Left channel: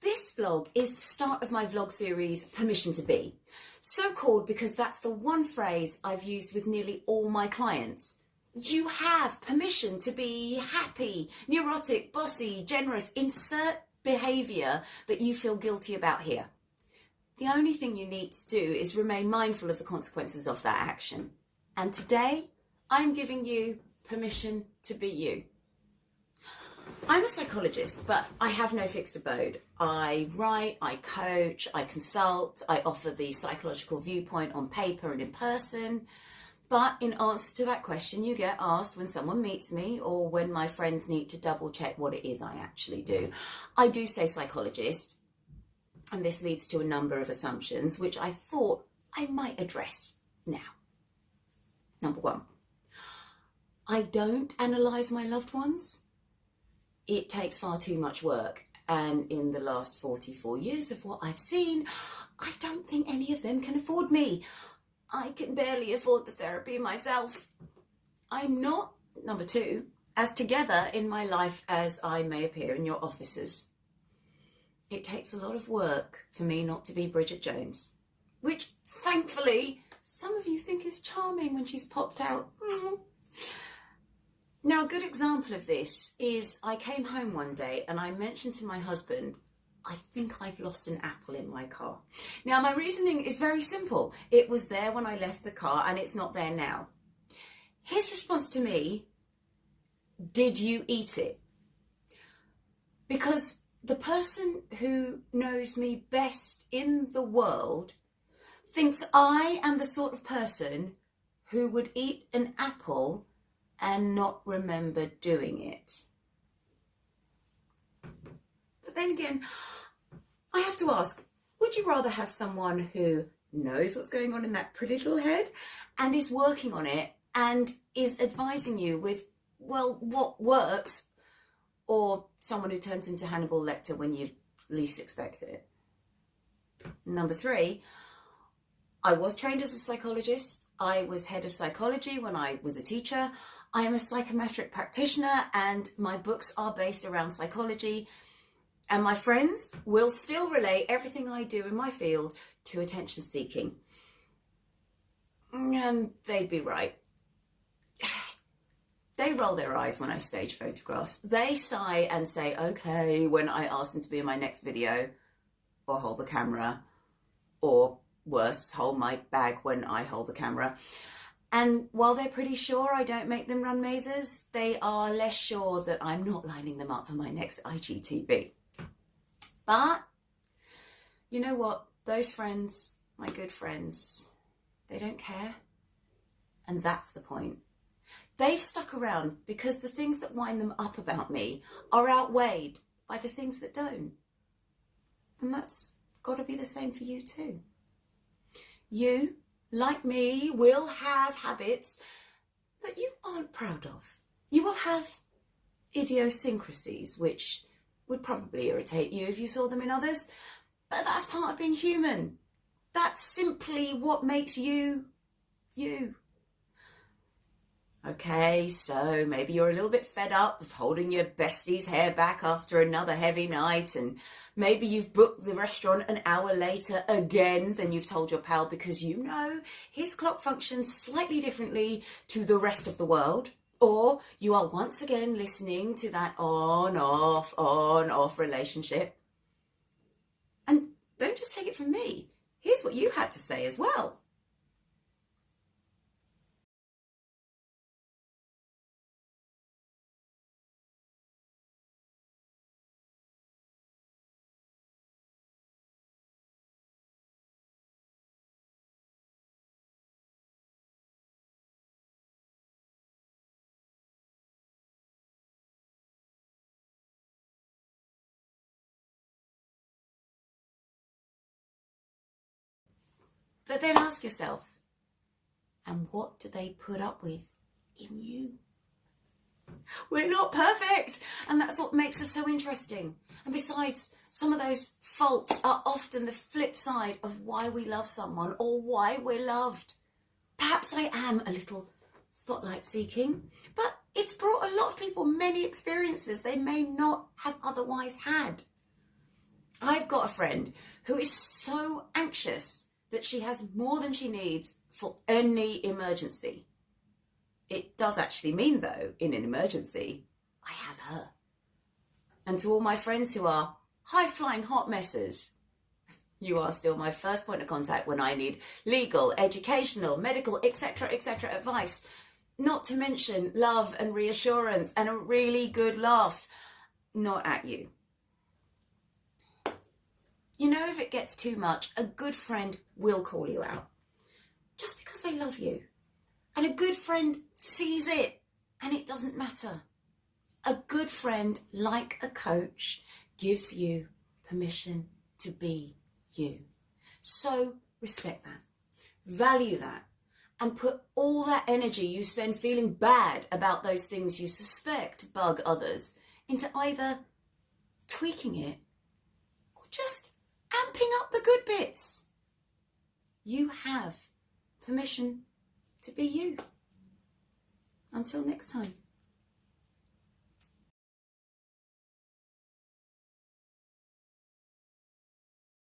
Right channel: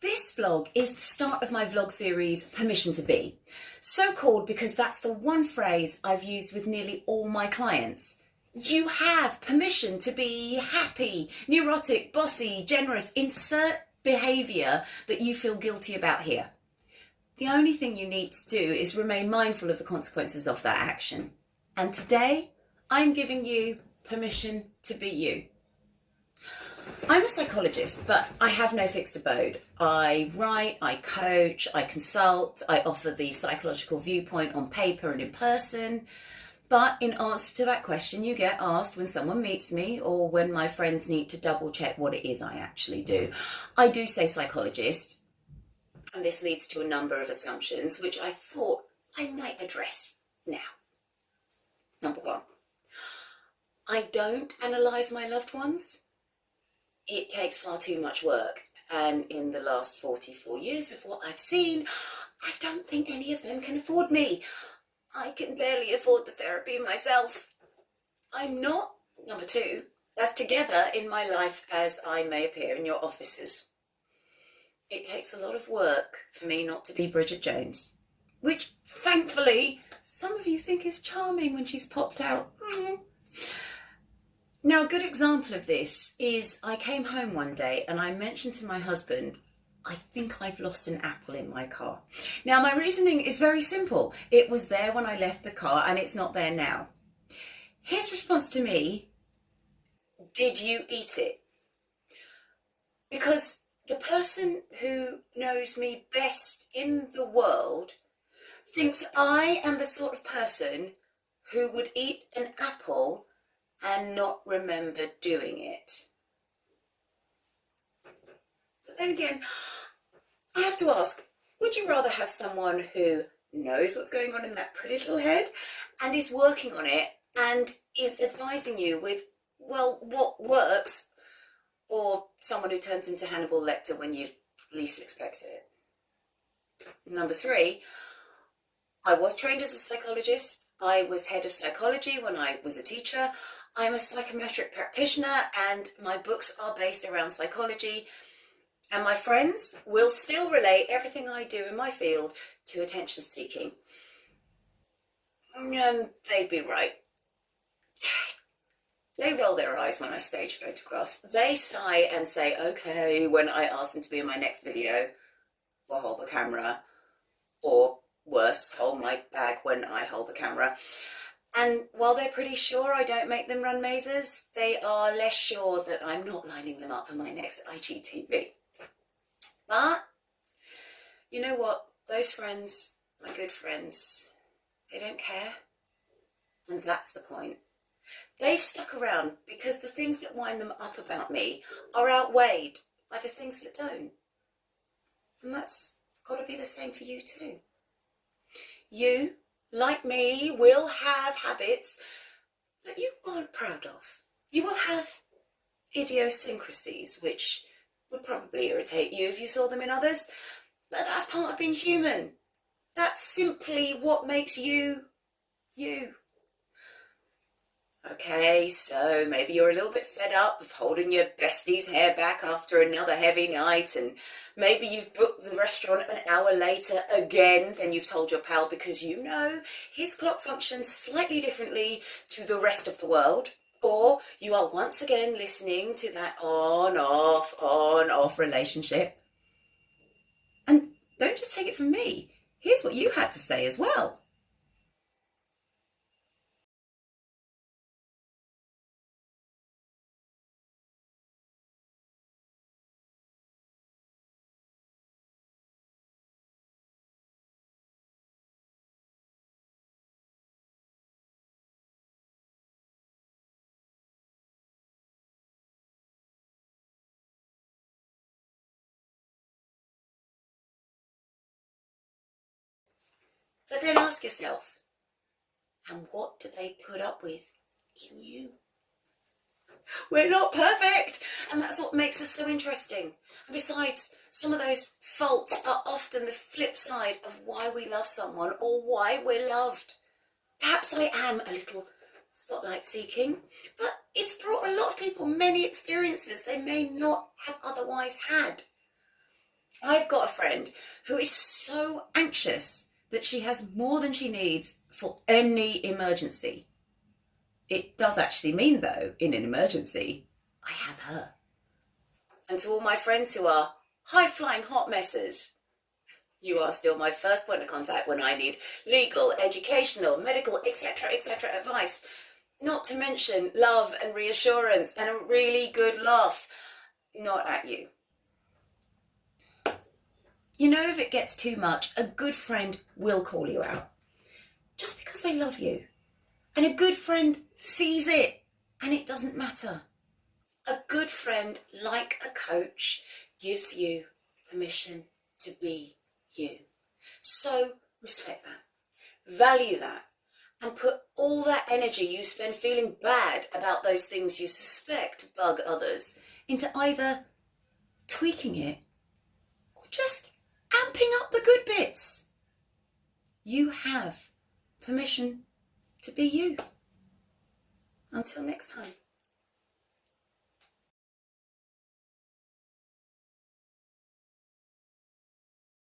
This vlog is the start of my vlog series, Permission to Be. So called because that's the one phrase I've used with nearly all my clients. You have permission to be happy, neurotic, bossy, generous, insert behaviour that you feel guilty about here. The only thing you need to do is remain mindful of the consequences of that action. And today, I'm giving you permission to be you. I'm a psychologist, but I have no fixed abode. I write, I coach, I consult, I offer the psychological viewpoint on paper and in person. But in answer to that question you get asked when someone meets me or when my friends need to double check what it is I actually do. I do say psychologist, and this leads to a number of assumptions which I thought I might address now. Number one, I don't analyse my loved ones. It takes far too much work, and in the last 44 years of what I've seen, I don't think any of them can afford me. I can barely afford the therapy myself. I'm not, number two, as together in my life as I may appear in your offices. It takes a lot of work for me not to be Bridget Jones, which thankfully some of you think is charming when she's popped out. Now, a good example of this is I came home one day and I mentioned to my husband, I think I've lost an apple in my car. Now, my reasoning is very simple. It was there when I left the car and it's not there now. His response to me, did you eat it? Because the person who knows me best in the world thinks I am the sort of person who would eat an apple and not remember doing it. But then again, I have to ask, would you rather have someone who knows what's going on in that pretty little head and is working on it and is advising you with, well, what works, or someone who turns into Hannibal Lecter when you least expect it? Number three, I was trained as a psychologist. I was head of psychology when I was a teacher. I am a psychometric practitioner and my books are based around psychology. And my friends will still relate everything I do in my field to attention seeking. And they'd be right. They roll their eyes when I stage photographs. They sigh and say, okay, when I ask them to be in my next video, or hold the camera, or worse, hold my bag when I hold the camera. And while they're pretty sure I don't make them run mazes, they are less sure that I'm not lining them up for my next IGTV. But you know what? Those friends, my good friends, they don't care. And that's the point. They've stuck around because the things that wind them up about me are outweighed by the things that don't. And that's got to be the same for you too. You, like me, will have habits that you aren't proud of. You will have idiosyncrasies which would probably irritate you if you saw them in others, but that's part of being human. That's simply what makes you, you. Okay, so maybe you're a little bit fed up of holding your bestie's hair back after another heavy night, and maybe you've booked the restaurant an hour later again than you've told your pal because you know his clock functions slightly differently to the rest of the world. Or you are once again listening to that on-off relationship. And don't just take it from me. Here's what you had to say as well. But then ask yourself, and what do they put up with in you? We're not perfect, and that's what makes us so interesting. And besides, some of those faults are often the flip side of why we love someone or why we're loved. Perhaps I am a little spotlight seeking, but it's brought a lot of people many experiences they may not have otherwise had. I've got a friend who is so anxious that she has more than she needs for any emergency. It does actually mean, though, in an emergency, I have her. And to all my friends who are high-flying hot messes, you are still my first point of contact when I need legal, educational, medical, etc., advice. Not to mention love and reassurance and a really good laugh. Not at you. You know, if it gets too much, a good friend will call you out. Just because they love you. And a good friend sees it, and it doesn't matter. A good friend, like a coach, gives you permission to be you. So respect that, value that, and put all that energy you spend feeling bad about those things you suspect bug others into either tweaking it or just amping up the good bits. You have permission to be you. Until next time.